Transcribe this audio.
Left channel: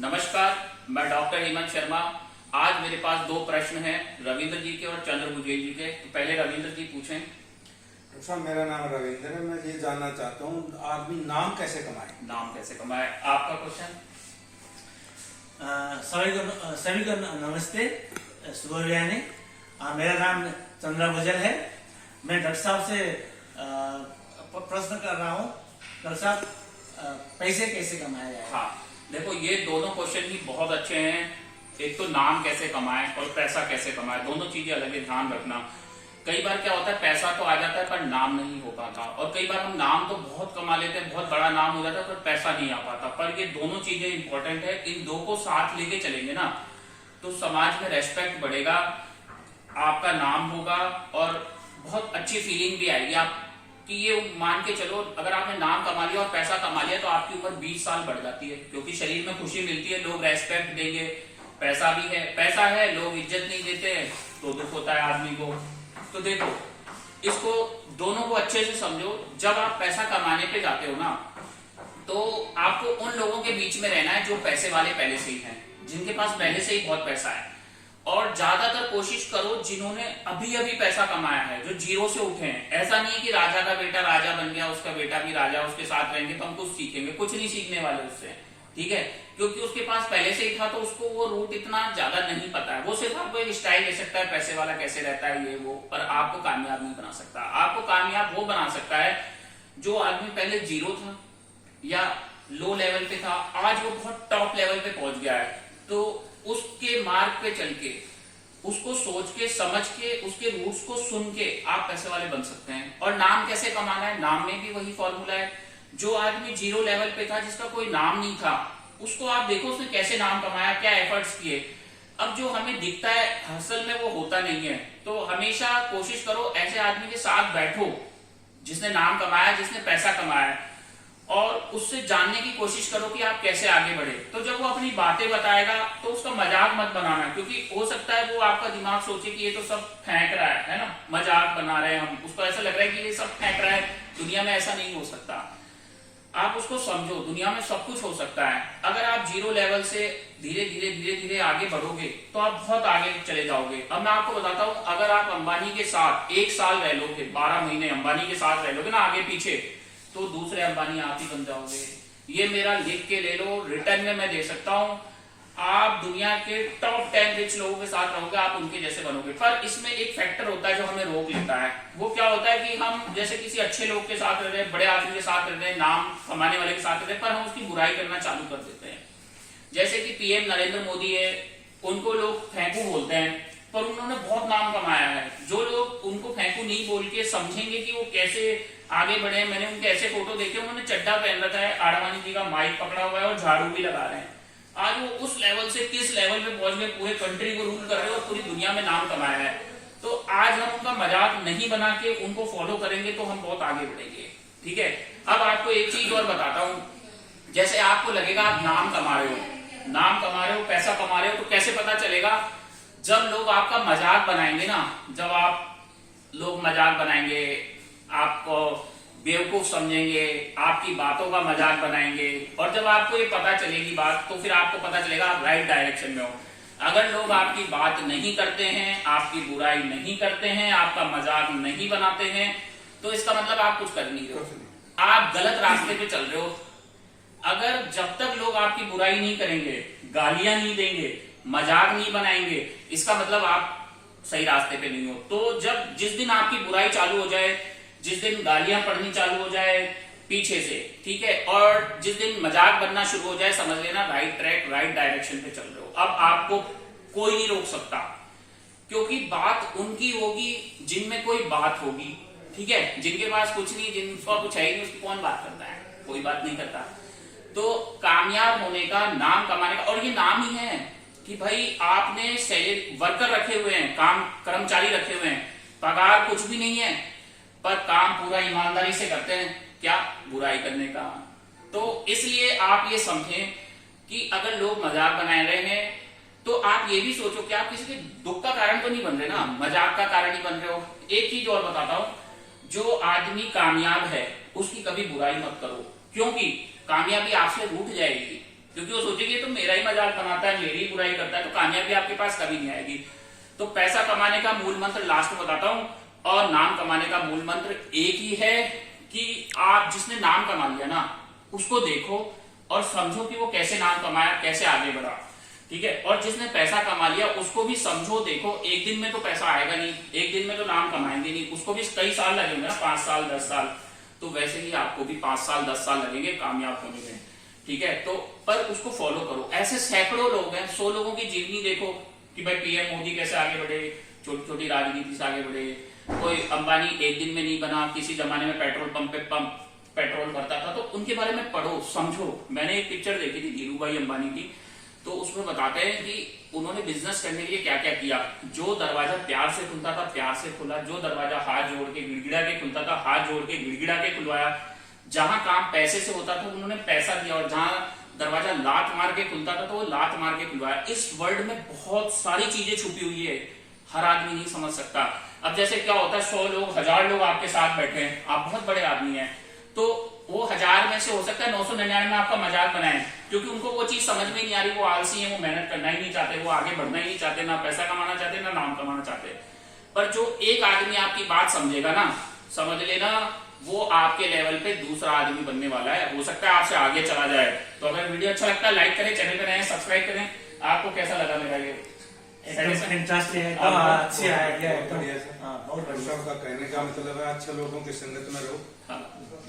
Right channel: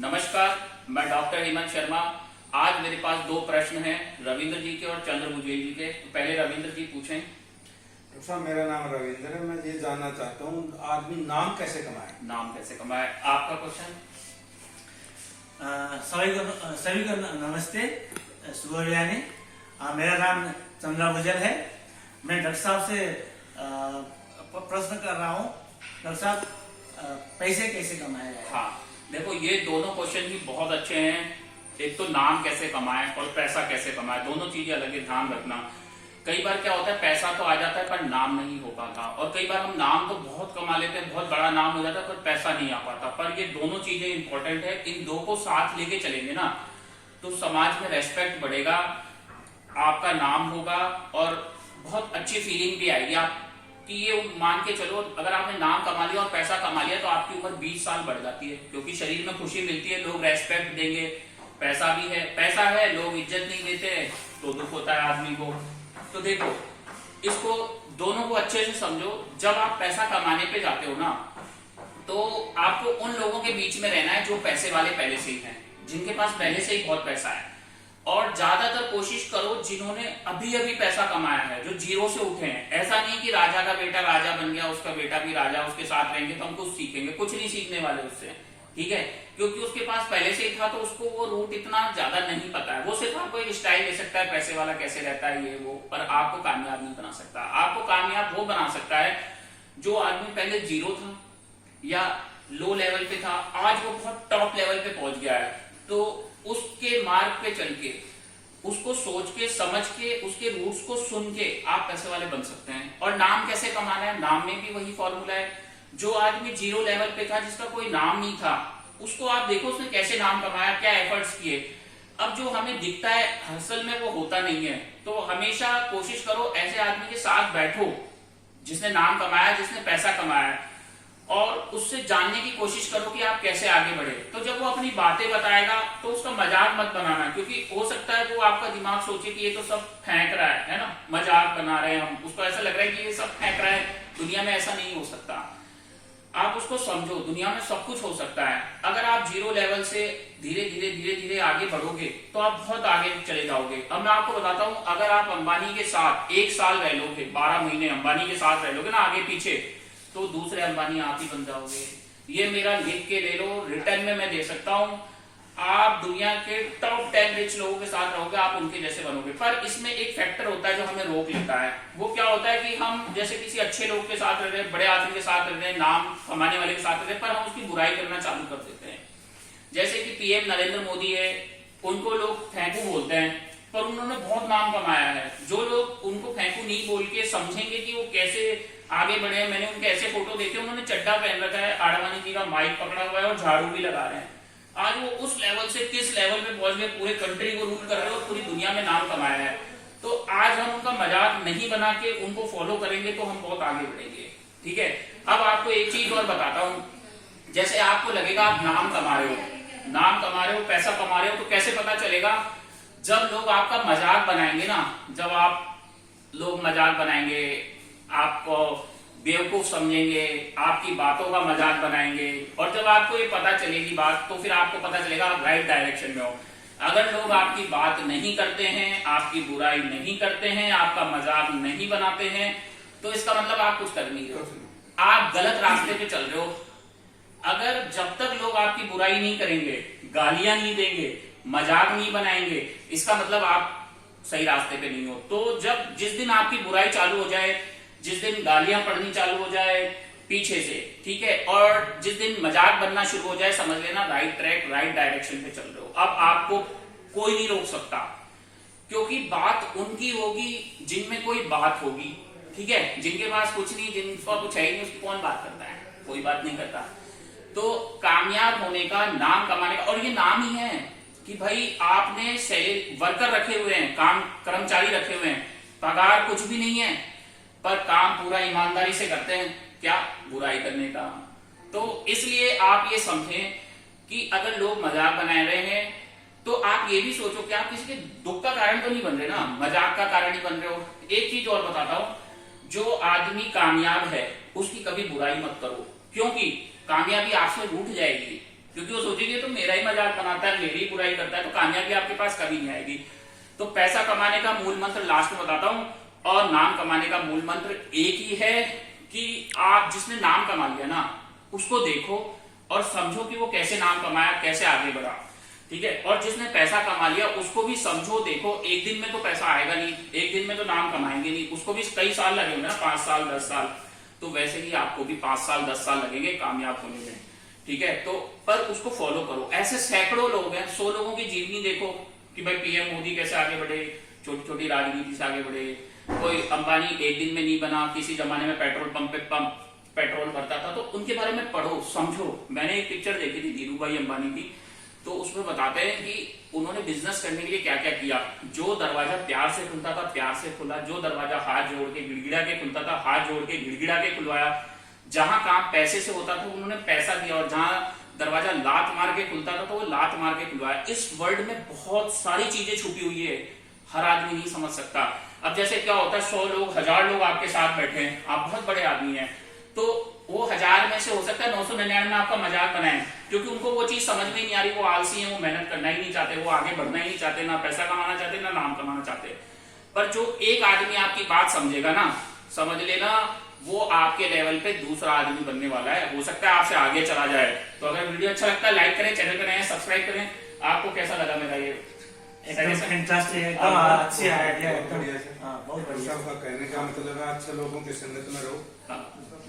नमस्कार, मैं डॉक्टर हेमंत शर्मा। आज मेरे पास दो प्रश्न हैं, रविंद्र जी के और चंद्र भुजेल जी के। तो पहले रविंद्र जी पूछें। डॉक्टर साहब, मेरा नाम रविंद्र है। मैं ये जानना चाहता हूँ, आदमी नाम कैसे कमाए? नाम कैसे कमाए, आपका क्वेश्चन। सभी को नमस्ते। सुबह मेरा नाम चंद्र भुजेल है। मैं डॉक्टर साहब से प्रश्न कर रहा हूँ, डॉक्टर साहब पैसे कैसे कमाए जाए? हाँ, देखो ये दोनों क्वेश्चन ही बहुत अच्छे हैं। एक तो नाम कैसे कमाए और पैसा कैसे कमाए, दोनों चीजें अलग है, ध्यान रखना। कई बार क्या होता है, पैसा तो आ जाता है पर नाम नहीं हो पाता, और कई बार हम नाम तो बहुत कमा लेते हैं, बहुत बड़ा नाम हो जाता है पर पैसा नहीं आ पाता। पर ये दोनों चीजें इंपॉर्टेंट है, इन दो को साथ लेके चलेंगे ना तो समाज में रेस्पेक्ट बढ़ेगा, आपका नाम होगा और बहुत अच्छी फीलिंग भी आएगी। आप कि ये मान के चलो, अगर आपने नाम कमा लिया और पैसा कमा लिया तो आपकी उम्र 20 साल बढ़ जाती है, क्योंकि शरीर में खुशी मिलती है, लोग रेस्पेक्ट देंगे, पैसा भी है, पैसा है, लोग इज्जत नहीं देते तो दुख होता है आदमी को। तो देखो, इसको दोनों को अच्छे से समझो। जब आप पैसा कमाने पे जाते हो ना, तो आपको उन लोगों के बीच में रहना है जो पैसे वाले पहले से ही हैं, जिनके पास पहले से ही बहुत पैसा है। और ज्यादातर कोशिश करो जिन्होंने अभी अभी पैसा कमाया है, जो जीरो से उठे हैं। ऐसा नहीं कि राजा का बेटा राजा बन गया, उसका बेटा भी राजा, उसके साथ रहेंगे तो हम कुछ सीखेंगे, कुछ नहीं सीखने वाले उससे, ठीक है? क्योंकि उसके पास पहले से ही था, तो उसको वो रूट इतना ज्यादा नहीं पता है। वो सिर्फ आपको एक स्टाइल दे सकता है, पैसे वाला कैसे रहता है ये वो, पर आपको कामयाब नहीं बना सकता। आपको कामयाब वो बना सकता है जो आदमी पहले जीरो था या लो लेवल पे था, आज वो बहुत टॉप लेवल पे पहुंच गया है। तो उसके मार्ग पे चल के, उसको सोच के समझ के, उसके रूट्स को सुन के आप पैसे वाले बन सकते हैं। और नाम कैसे कमाना है, नाम में भी वही फॉर्मूला है। जो आदमी जीरो लेवल पे था, जिसका कोई नाम नहीं था, उसको आप देखो उसने कैसे नाम कमाया, क्या एफर्ट्स किए। अब जो हमें दिखता है असल में वो होता नहीं है। तो हमेशा कोशिश करो ऐसे आदमी के साथ बैठो जिसने नाम कमाया, जिसने पैसा कमाया, और उससे जानने की कोशिश करो कि आप कैसे आगे बढ़े। तो जब वो अपनी बातें बताएगा तो उसका मजाक मत बनाना, क्योंकि हो सकता है वो आपका दिमाग सोचे कि ये तो सब फेंक रहा है ना, मजाक बना रहे हैं हम, उसको ऐसा लग रहा है कि ये सब फेंक रहा है। दुनिया में ऐसा नहीं हो सकता। आप उसको समझो, दुनिया में सब कुछ हो सकता है। अगर आप जीरो लेवल से धीरे धीरे आगे बढ़ोगे तो आप बहुत आगे चले जाओगे। अब मैं आपको बताता हूं, अगर आप अंबानी के साथ 1 साल रह लोगे, 12 महीने अंबानी के साथ रह लोगे ना आगे पीछे, तो दूसरे अंबानी आप ही बन जाओगे। ये मेरा लिख के ले लो, रिटर्न में मैं दे सकता हूं। आप दुनिया के टॉप 10 रिच लोगों के साथ रहोगे, आप उनके जैसे बनोगे। पर इसमें एक फैक्टर होता है जो हमें रोक लेता है। वो क्या होता है कि हम जैसे किसी अच्छे लोग के साथ रह रहे हैं, बड़े आदमी के साथ रह रहे हैं, नाम कमाने वाले के साथ रह रहे हैं, पर हम उसकी बुराई करना चालू कर देते हैं। जैसे कि पीएम नरेंद्र मोदी है, उनको लोग फेंकू बोलते हैं, पर उन्होंने बहुत नाम कमाया है। जो लोग उनको फेंकू नहीं बोल के समझेंगे कि वो कैसे आगे बढ़े, मैंने उनके ऐसे फोटो देखे, उन्होंने चड्डा पहन रखा है, आडवाणी जी का माइक पकड़ा हुआ है और झाड़ू भी लगा रहे हैं। आज वो उस लेवल से किस लेवल पे पहुंच गए, पूरे कंट्री को रूल कर रहे हो और पूरी दुनिया में नाम कमाया है। तो आज हम उनका मजाक नहीं बना के उनको फॉलो करेंगे तो हम बहुत आगे बढ़ेंगे, ठीक है? अब आपको एक चीज और बताता हूं। जैसे आपको लगेगा आप नाम कमा रहे हो, पैसा कमा रहे हो, तो कैसे पता चलेगा? जब लोग आपका मजाक बनाएंगे ना, जब लोग मजाक बनाएंगे, आपको बेवकूफ समझेंगे, आपकी बातों का मजाक बनाएंगे, और जब आपको ये पता चलेगी बात, तो फिर आपको पता चलेगा आप राइट डायरेक्शन में हो। अगर लोग आपकी बात नहीं करते हैं, आपकी बुराई नहीं करते हैं, आपका मजाक नहीं बनाते हैं, तो इसका मतलब आप कुछ कर नहीं रहे हो, आप गलत रास्ते पे चल रहे हो। अगर जब तक लोग आपकी बुराई नहीं करेंगे, गालियां नहीं देंगे, मजाक नहीं बनाएंगे, इसका मतलब आप सही रास्ते पे नहीं हो। तो जिस दिन आपकी बुराई चालू हो जाए, जिस दिन गालियां पड़नी चालू हो जाए पीछे से, ठीक है, और जिस दिन मजाक बनना शुरू हो जाए, समझ लेना राइट ट्रैक, राइट डायरेक्शन पे चल रहे हो। अब आपको कोई नहीं रोक सकता, क्योंकि बात उनकी होगी जिनमें कोई बात होगी, ठीक है? जिनके पास कुछ नहीं, जिनका कुछ है ही नहीं, उसकी कौन बात करता है? कोई बात नहीं करता। तो कामयाब होने का, नाम कमाने का, और ये नाम ही है कि भाई आपने सैलरी वर्कर रखे हुए हैं, काम कर्मचारी रखे हुए हैं, पगार कुछ भी नहीं है, पर काम पूरा ईमानदारी से करते हैं, क्या? बुराई करने का। तो इसलिए आप ये समझें कि अगर लोग मजाक बना रहे हैं तो आप ये भी सोचो कि आप किसी के दुख का कारण तो नहीं बन रहे ना, मजाक का कारण ही बन रहे हो। एक चीज और बताता हूं, जो आदमी कामयाब है उसकी कभी बुराई मत करो, क्योंकि कामयाबी आपसे रूठ जाएगी, क्योंकि वो सोचेगी ये तो मेरा ही मजाक बनाता है, मेरी ही बुराई करता है, तो कामयाबी आपके पास कभी नहीं आएगी। तो पैसा कमाने का मूल मंत्र लास्ट में बताता हूं, और नाम कमाने का मूल मंत्र एक ही है कि आप जिसने नाम कमा लिया ना उसको देखो और समझो कि वो कैसे नाम कमाया, कैसे आगे बढ़ा, ठीक है। और जिसने पैसा कमा लिया उसको भी समझो, देखो एक दिन में तो पैसा आएगा नहीं, एक दिन में तो नाम कमाएंगे नहीं, उसको भी कई साल लगेंगे ना, 5 साल 10 साल। तो वैसे ही आपको भी 5 साल 10 साल लगेंगे कामयाब होने में, ठीक है। तो पर उसको फॉलो करो। ऐसे सैकड़ों लोग हैं, 100 लोगों की जीवनी देखो कि भाई पीएम मोदी कैसे आगे बढ़े, छोटी छोटी राजनीति से आगे बढ़े। कोई अंबानी एक दिन में नहीं बना, किसी जमाने में पेट्रोल पंप पे पेट्रोल भरता था, तो उनके बारे में पढ़ो समझो। मैंने एक पिक्चर देखी थी धीरू भाई अंबानी की, तो उसमें बताते हैं कि उन्होंने बिजनेस करने के लिए क्या क्या किया। जो दरवाजा प्यार से खुलता था प्यार से खुला, जो दरवाजा हाथ जोड़ के गिड़गिड़ा के खुलता था हाथ जोड़ के गिड़गिड़ा के खुलवाया, जहां काम पैसे से होता था उन्होंने पैसा दिया, और जहां दरवाजा लात मार के खुलता था तो वो लात मार के खुलवाया। इस वर्ल्ड में बहुत सारी चीजें छुपी हुई है, हर आदमी नहीं समझ सकता। अब जैसे क्या होता है 100 लोग 1000 लोग आपके साथ बैठे हैं, आप बहुत बड़े आदमी हैं, तो वो 1000 में से हो सकता है 999 आपका मजाक बनाए, क्योंकि उनको वो चीज समझ में ही नहीं आ रही, वो आलसी है, वो मेहनत करना ही नहीं चाहते, वो आगे बढ़ना ही नहीं चाहते, ना पैसा कमाना चाहते ना नाम कमाना चाहते। पर जो एक आदमी आपकी बात समझेगा ना, समझ लेना वो आपके लेवल पे दूसरा आदमी बनने वाला है, हो सकता है आपसे आगे चला जाए। तो अगर वीडियो अच्छा लगता है लाइक करें, चैनल पे नए सब्सक्राइब करें। आपको कैसा लगा मेरा ये एकदम फैंटास्टिक है, एकदम अच्छी आइडिया, एकदम बढ़िया से। हाँ बहुत बढ़िया। सबका कहने का मतलब है अच्छे लोगों की संगत में रहो। हाँ।